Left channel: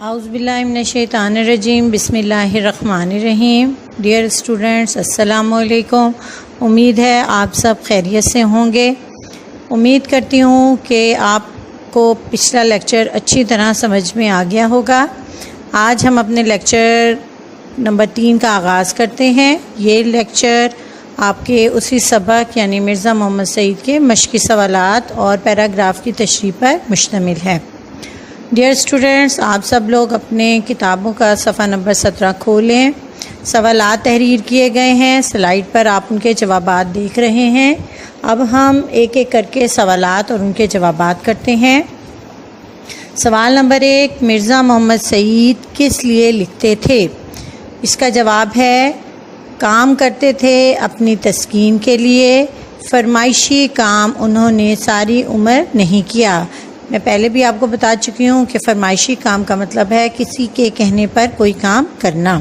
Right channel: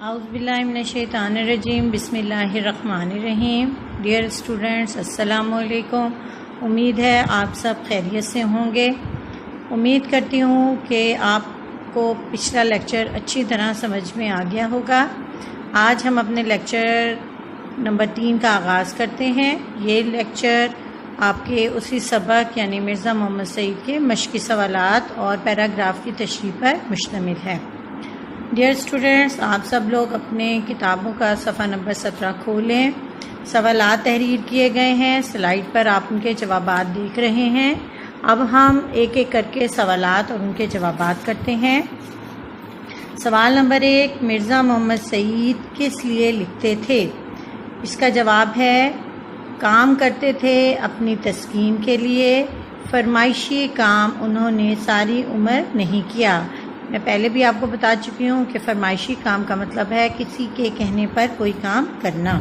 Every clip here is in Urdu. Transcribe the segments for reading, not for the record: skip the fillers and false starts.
اعوذ باللہ من الشیطان الرجیم بسم اللہ الرحمن الرحیم۔ ڈیئر اسٹوڈنٹس، السلام علیکم۔ امید ہے آپ سب خیریت سے ہوں گے۔ امید کرتی ہوں کہ آپ کو پچھلا لیکچر اچھی طرح سمجھ میں آ گیا ہوگا۔ آج ہم اپنے لیکچر نمبر 3 کا آغاز کرتے ہیں۔ یہ لیکچر آپ کے اسی سبق یعنی مرزا محمد سعید کے مشقی سوالات اور پیراگراف کی تشریح پر مشتمل ہے۔ ڈیئر اسٹوڈنٹس، آپ سب لوگ اپنے کتابوں کا صفحہ نمبر 17 کھولیں۔ سوالات تحریر کیے گئے ہیں، سلائیڈ پر آپ ان کے جوابات دیکھ رہے ہیں۔ اب ہم ایک ایک کر کے سوالات اور ان کے جوابات کرتے ہیں۔ سوال نمبر 1، مرزا محمد سعید کس لیے لکھتے تھے؟ اس کا جواب ہے کام کرتے تھے اپنی تسکین کے لیے۔ فرمائشی کام انہوں نے ساری عمر نہیں کیا۔ میں پہلے بھی آپ کو بتا چکی ہوں کہ فرمائشی کام کا مطلب ہے کسی کے کہنے پر کوئی کام کرنا۔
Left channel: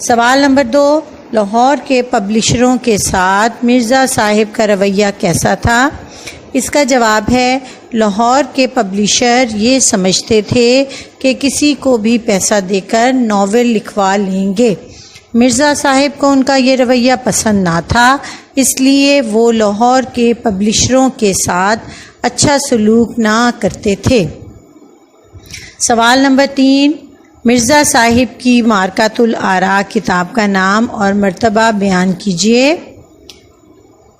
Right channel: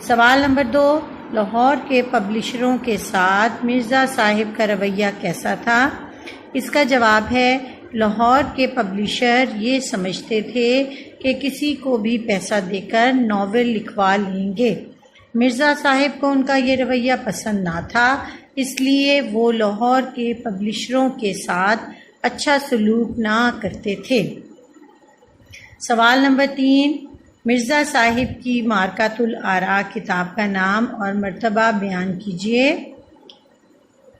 سوال نمبر 2، لاہور کے پبلشروں کے ساتھ مرزا صاحب کا رویہ کیسا تھا؟ اس کا جواب ہے لاہور کے پبلشر یہ سمجھتے تھے کہ کسی کو بھی پیسہ دے کر ناول لکھوا لیں گے۔ مرزا صاحب کو ان کا یہ رویہ پسند نہ تھا، اس لیے وہ لاہور کے پبلشروں کے ساتھ اچھا سلوک نہ کرتے تھے۔ سوال نمبر 3، مرزا صاحب کی مارکۃ الآراء کتاب کا نام اور مرتبہ بیان کیجیے۔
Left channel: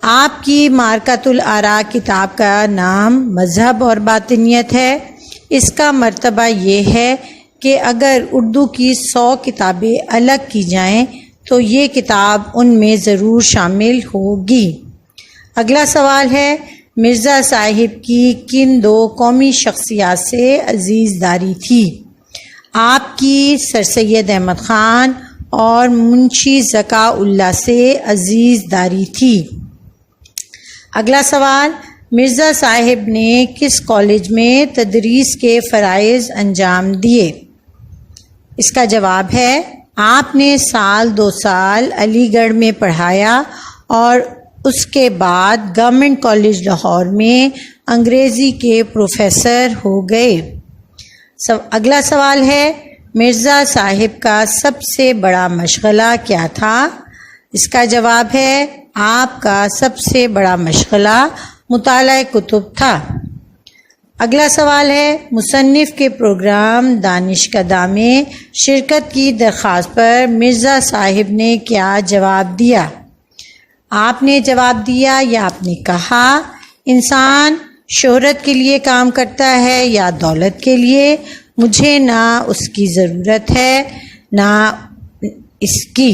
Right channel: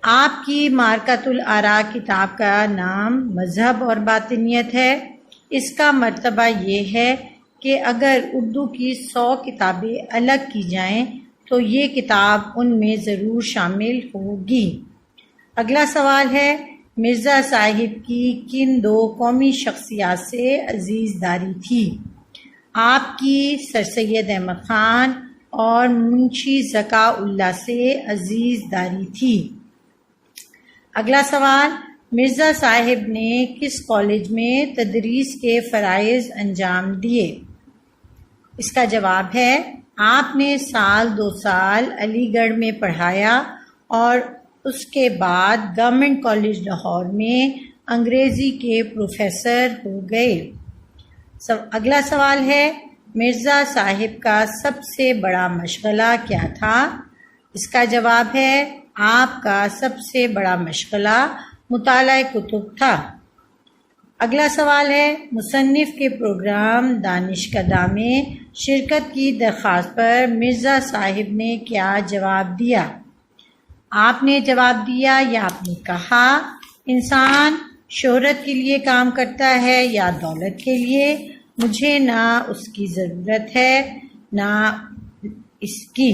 آپ کی مارکۃ الآراء کتاب کا نام مذہب اور باطنیت ہے۔ اس کا مرتبہ یہ ہے کہ اگر اردو کی 100 کتابیں الگ کی جائیں تو یہ کتاب ان میں ضرور شامل ہوگی۔ اگلا سوال ہے مرزا صاحب کی کن 2 قومی شخصیات سے عزیز داری تھی؟ آپ کی سر سید احمد خان اور منشی ذکا اللہ سے عزیز داری تھی۔ اگلا سوال، مرزا صاحب نے کس کالج میں تدریس کے فرائض انجام دیے؟ اس کا جواب ہے آپ نے 2 سال علی گڑھ میں پڑھایا اور اس کے بعد گورنمنٹ کالج لاہور میں انگریزی کے پروفیسر ہو گئے۔ اگلا سوال ہے مرزا صاحب کا سب سے بڑا مشغلہ کیا تھا؟ اس کا جواب ہے آپ کا سب سے بڑا مشغلہ مطالعہ کتب تھا۔ اگلا سوال ہے مصنف کے پروگرام دانشکدہ میں شرکت کی درخواست پر مرزا صاحب نے کیا جواب دیا؟ آپ نے جواب دیا یا آپ نے کہا انسان شہرت کے لیے کام کرتا ہے یا دولت کے لیے؟ مجھے نہ اس کی ضرورت ہے نہ اس کی۔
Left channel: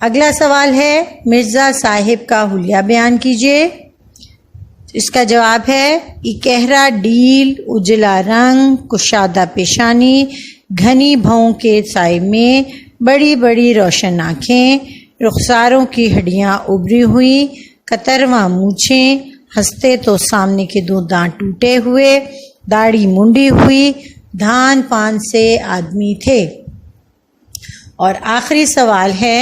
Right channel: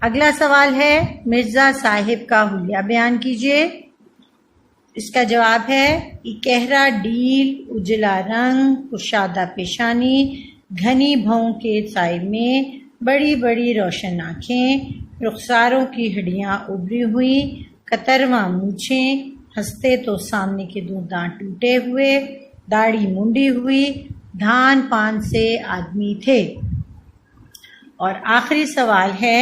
اگلا سوال ہے مرزا صاحب کا حلیہ بیان کیجیے۔ اس کا جواب ہے اکہرا ڈیل، اجلا رنگ، کشادہ پیشانی، گھنی بھوؤں کے سائے میں بڑی بڑی روشن آنکھیں، رخساروں کی ہڈیاں ابری ہوئی، کترواں مونچھیں، ہنستے تو سامنے کے 2 دانت ٹوٹے ہوئے، داڑھی منڈی ہوئی، دھان پان سے آدمی تھے۔ اور آخری سوال ہے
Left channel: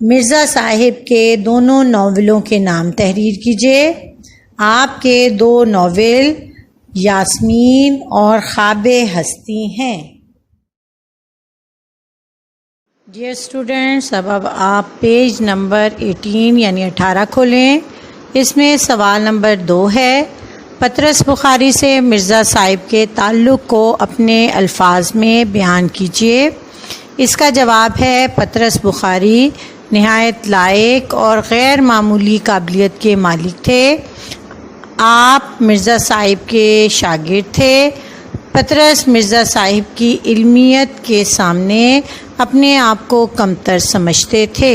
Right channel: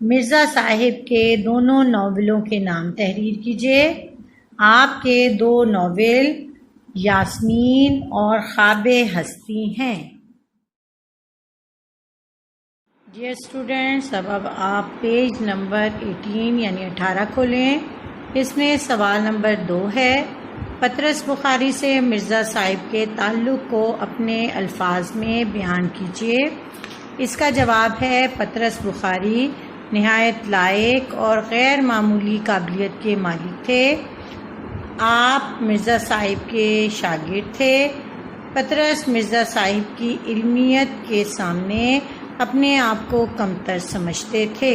مرزا صاحب کے دونوں ناولوں کے نام تحریر کیجیے۔ آپ کے 2 ناول یاسمین اور خواب ہستی ہیں۔ ڈیئر اسٹوڈنٹس، اب آپ پیج نمبر 18 یعنی 18 کھولیں۔ اس میں سوال نمبر 2 ہے پطرس بخاری سے مرزا صاحب کے تعلق کو اپنے الفاظ میں بیان کیجیے۔ اس کا جواب ہے پطرس بخاری نہایت لائق اور غیر معمولی قابلیت کے مالک تھے۔ آپ مرزا صاحب کے شاگرد تھے۔ پطرس مرزا صاحب کی علمیت کے سامنے اپنے آپ کو کمتر سمجھتے تھے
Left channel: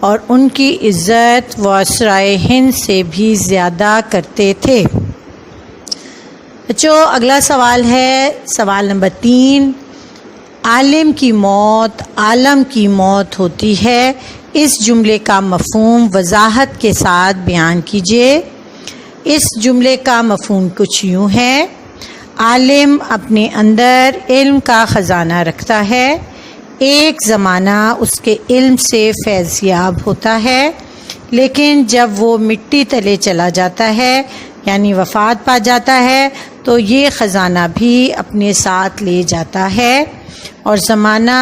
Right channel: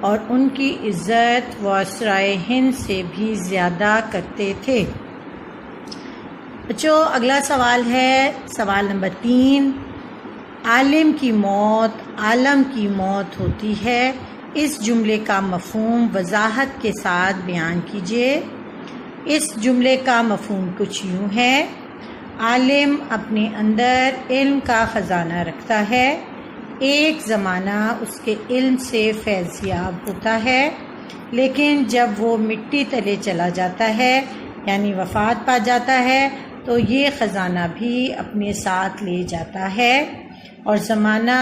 اور ان کی عزت وائسرائے ہند سے بھی زیادہ کرتے تھے۔ بچوں، اگلا سوال ہے سوال نمبر 3، عالم کی موت عالم کی موت ہوتی ہے، اس جملے کا مفہوم وضاحت کے ساتھ بیان کیجیے۔ اس جملے کا مفہوم کچھ یوں ہے، عالم اپنے اندر علم کا خزانہ رکھتا ہے، ایک زمانہ اس کے علم سے فیض یاب ہوتا ہے، لیکن جب وہ مٹی تلے چلا جاتا ہے یعنی وفات پا جاتا ہے تو یہ خزانہ بھی اپنے ساتھ لے جاتا ہے اور زمانہ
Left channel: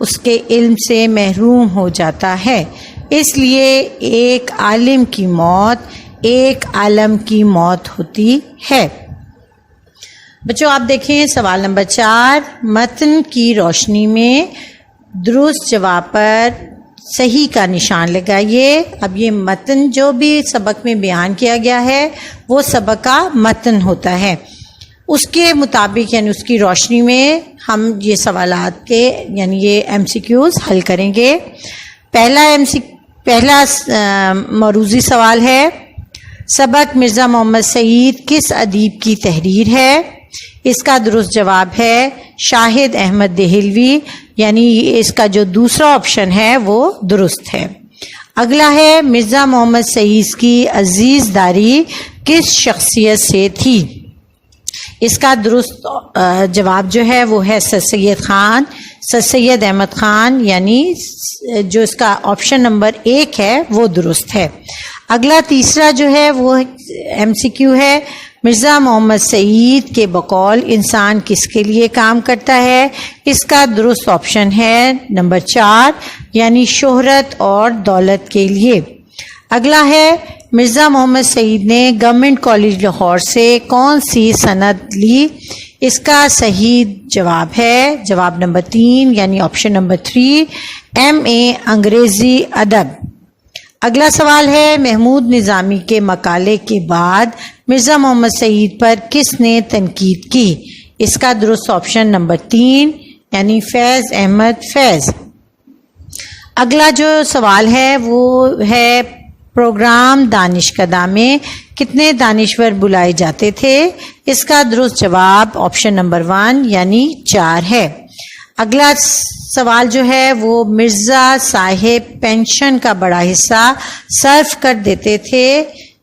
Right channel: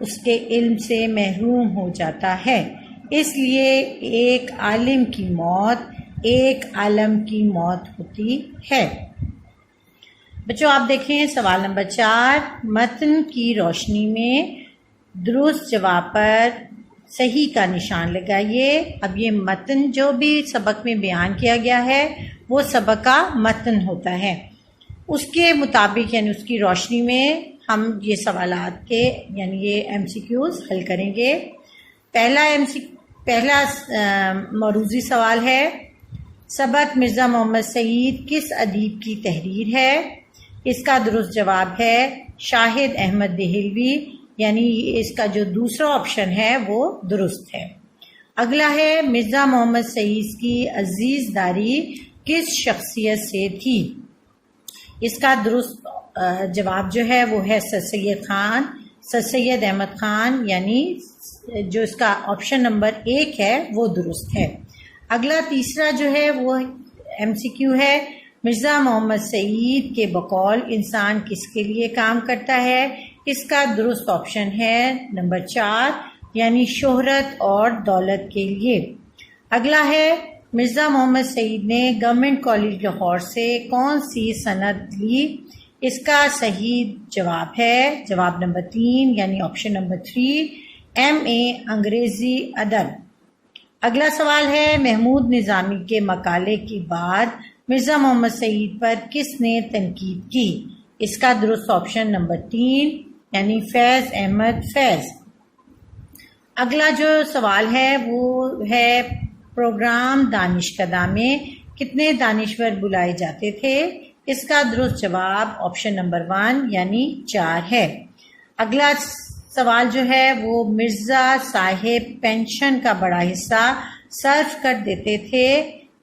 اس کے علم سے محروم ہو جاتا ہے۔ اس لیے ایک عالم کی موت ایک عالم کی موت ہوتی ہے۔ بچوں آپ دیکھیں سوال نمبر 4، متن کی روشنی میں درست جواب پر صحیح کا نشان لگائیے۔ اب یہ متن جو بھی سبق میں بیان کیا گیا ہے وہ سبق کا متن ہوتا ہے، اس کے مطابق یعنی اس کی روشنی میں ہم یہ سوالات کے یعنی یہ MCQs حل کریں گے۔ پہلا موروثی سوال ہے، سبق مرزا محمد سعید کس ادیب کی تحریر ہے؟ اس کا درست جواب ہے شاہد احمد دہلوی، یعنی اس کا جو دوسرا آپشن ہے وہ درست ہے۔ اگلا ہے، مرزا محمد سعید کی عزیز داری کس شخصیت سے تھی؟ اس کا درست جواب جو ہے وہ ہے سر سید احمد خان، یعنی جو اس کا آپشن نمبر 1 ہے وہ درست ہے۔ اگلا تیسرا جو ہے وہ MCQ ہے، مرزا محمد سعید کے بقول انسان کس کے لیے کام کرتا ہے؟ اس کا درست آپشن ہے نمبر 4، یعنی شہرت اور دولت کے لیے۔ اگلا ہے، مرزا محمد سعید نے گورنمنٹ کالج لاہور سے کون سی سند لی؟ اس کا صحیح جواب ہے جواب نمبر 3، یعنی آپشن نمبر 3، MA انگریزی ادب۔ اگلا سوال ہے، محمود نظامی کے مقالے کے بعد مرزا محمد سعید پر کس نے تنقید کی؟ اس کا درست آپشن نمبر 3، یعنی فیض احمد فیض۔ اگلا جو سوال ہے وہ ہے، پروگرام دانشکدہ میں کتنے دانشور بلائے جاتے تھے؟ اس کا درست جواب آپشن نمبر 1، یعنی 4 ہے۔ اگلا سوال جو ہے وہ، مرزا صاحب پینشن کا بڑا حصہ صرف کر دیتے تھے؟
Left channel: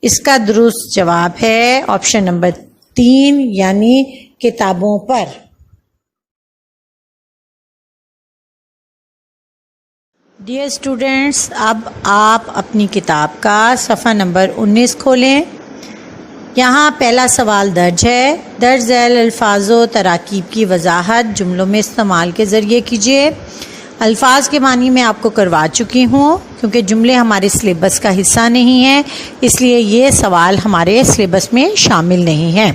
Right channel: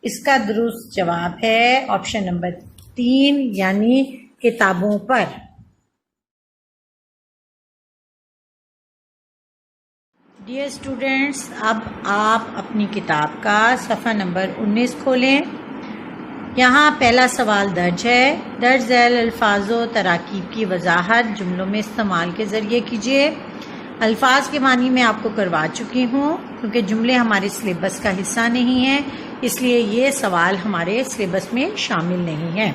اس کا درست جواب ہے آپشن نمبر 3، یعنی کتابوں پر۔ ڈیئر اسٹوڈینٹس، اب آپ اپنی کتاب کا صفحہ نمبر 19 کھولیں۔ یہاں پہلا سوال درج ہے، درج ذیل الفاظ و تراکیب کی وضاحت جملوں میں استعمال کے ذریعے کیجیے۔ الفاظ کے معنی میں آپ کو کروا چکی ہوں، کیونکہ جملے ہمارے سلیبس کا حصہ نہیں ہیں، اس لیے یہ سوال ہمارے سلیبس میں شامل نہیں ہے۔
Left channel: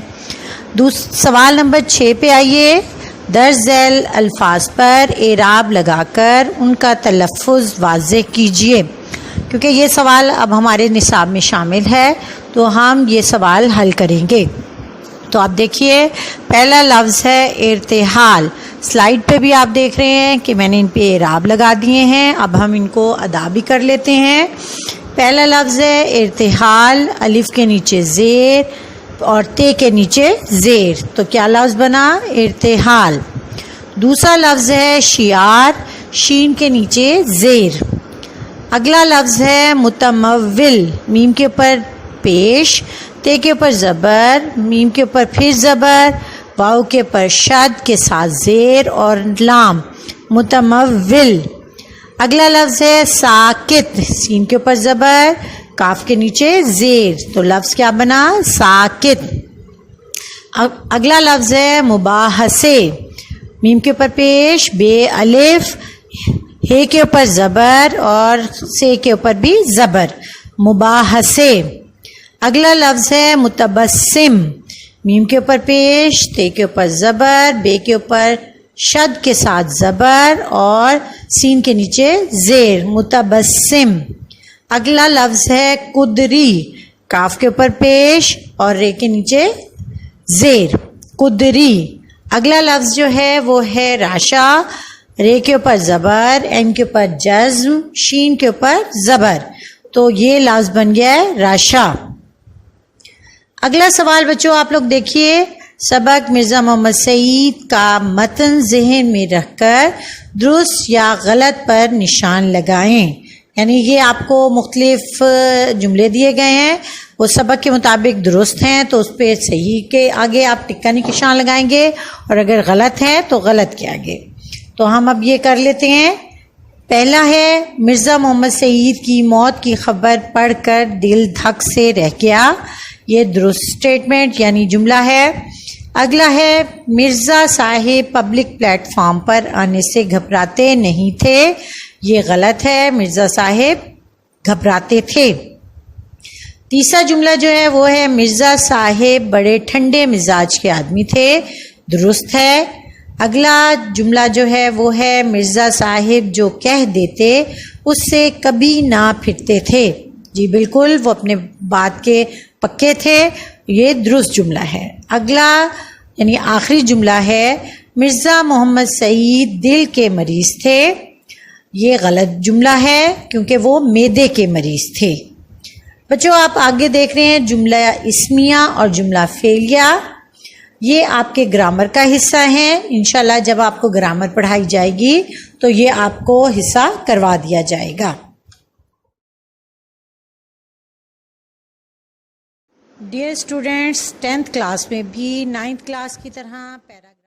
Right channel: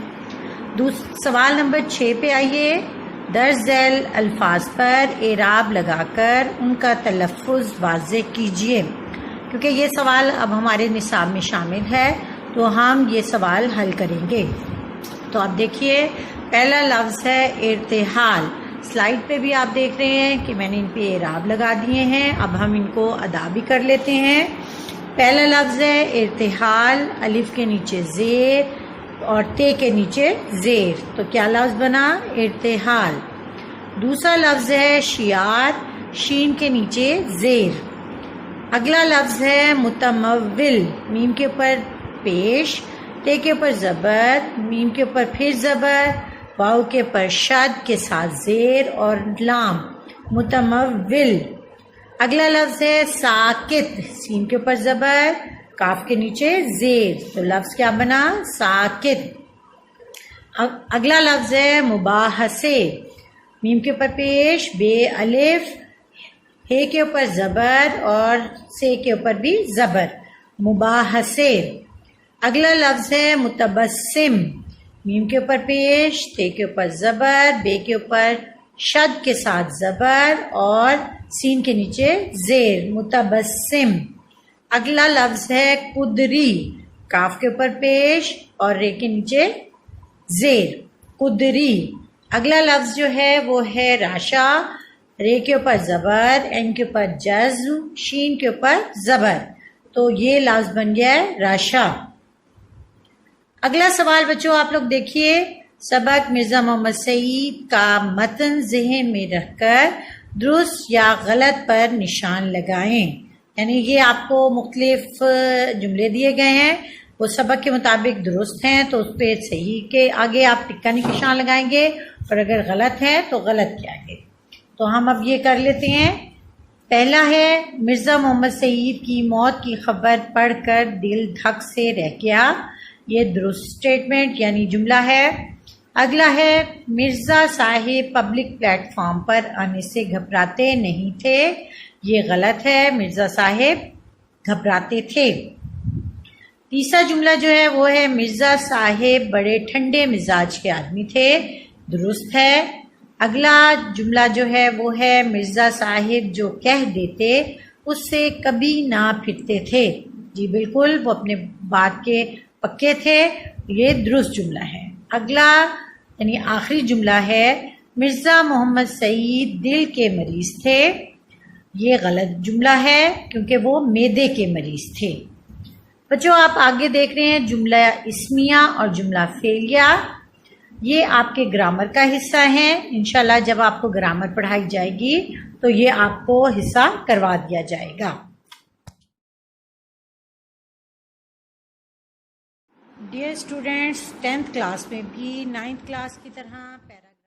سوال نمبر 6 پہ آئیے، درج ذیل الفاظ پر اعراب لگا کر ان کا تلفظ واضح کیجیے۔ کیونکہ یہ سوال اب ہمارے نصاب میں شامل ہے تو ہم یہ سوال حل کریں گے۔ تو آپ دیکھیے، پہلا لفظ ہے ارتحال۔ سلائیڈ پہ بھی آپ دیکھ رہے ہیں کہ میں نے ان پہ اعراب لگا دیے ہیں، اب ہم ان کو ادا بھی کر لیتے ہیں۔ پہلا لفظ ہے ارتحال، الف کے نیچے زیر اور تے کے نیچے زیر، تو کیا لفظ بنا؟ ارتحال۔ دوسرا لفظ ہے شعار، شین کے نیچے زیر۔ اگلا لفظ ہے متمول، میم کے اوپر پیش، تے کے اوپر زبر، میم کے اوپر پھر زبر، واؤ کے اوپر شد کے ساتھ زیر اور لام، متمول۔ اگلا لفظ ہے ساکت، سین کے اوپر زبر، کاف کے نیچے زیر، تو لفظ کیا بنا؟ ساکت۔ اگلا لفظ ہے مباحثے، میم کے اوپر پیش، بے الف، ہے کے اوپر زبر اور سے کے اوپر بھی زبر، مباحثے۔ اگلا لفظ ہے متبسم، میم کے اوپر پیش، تے کے اوپر زبر، بے کے اوپر شد کے ساتھ زبر اور سین کے نیچے زیر، متبسم۔ اگلا لفظ ہے قدری، کاف کے اوپر پیش اور رے کے نیچے زیر، قدری۔ اگلا لفظ جو ہے وہ ہے راشا، رے کے اوپر زبر، این کے اوپر جزم، شین کے اوپر زبر، تو یہ لفظ بن گیا ہے راشا۔ اگلا سوال بچوں آپ لوگ دیکھیے، سبق مرزا محمد سعید کا متن ذہن میں رکھ کر درست یا غلط پر نشان لگائیں۔ یعنی یہ آپ کو مختلف جملے دیے گئے ہیں، وہ سبق کے مطابق درست ہیں تو اس پہ صحیح کے آگے آپ ٹکا نشان لگائیں گے، اور اگر غلط ہے تو غلط کے آگے۔ تو ہم اب یہ کر لیتے ہیں۔ پہلا ہے، مرزا محمد سعید کی موت کی خبر پڑھ کر دل دھک سے رہ گیا، یہ درست سٹیٹمنٹ یعنی جملہ ہے۔ اگلا ہے مرزا صاحب پبلک پلیٹ فارم پر آنے سے گھبراتے نہیں تھے. یہ غلط ہے، مرزا صاحب گھبراتے تھے. تیسرا جملہ جو ہے وہ ہے مرزا صاحب بڑے ٹھنڈے مزاج کے آدمی تھے. درست ہے. اگلا جملہ جو ہے وہ ہے مرزا صاحب جو کہہ دیتے اس سے کبھی نہ پھرتے تھے. جی بالکل، وہ اپنے بات کے پکے تھے. یہ درست جملہ ہے. اگلا یعنی آخری جملہ ہے مرزا محمد سعید دل کے مریض تھے. یہ غلط جملہ ہے کیونکہ وہ معدے کے مریض تھے. بچوں آپ آگے دیکھ رہے ہیں جملہ اسمیہ اور جملہ فعلیہ. یہ آپ کے گرامر کا حصہ ہیں. انشاءاللہ جب آپ کو گرامر پڑھائی جائے گی تو یہ آپ کو حصہ کروا دیا جائے گا. ڈیئر اسٹوڈینٹس، 10th کلاس میں بھی 9th کلاس کی طرح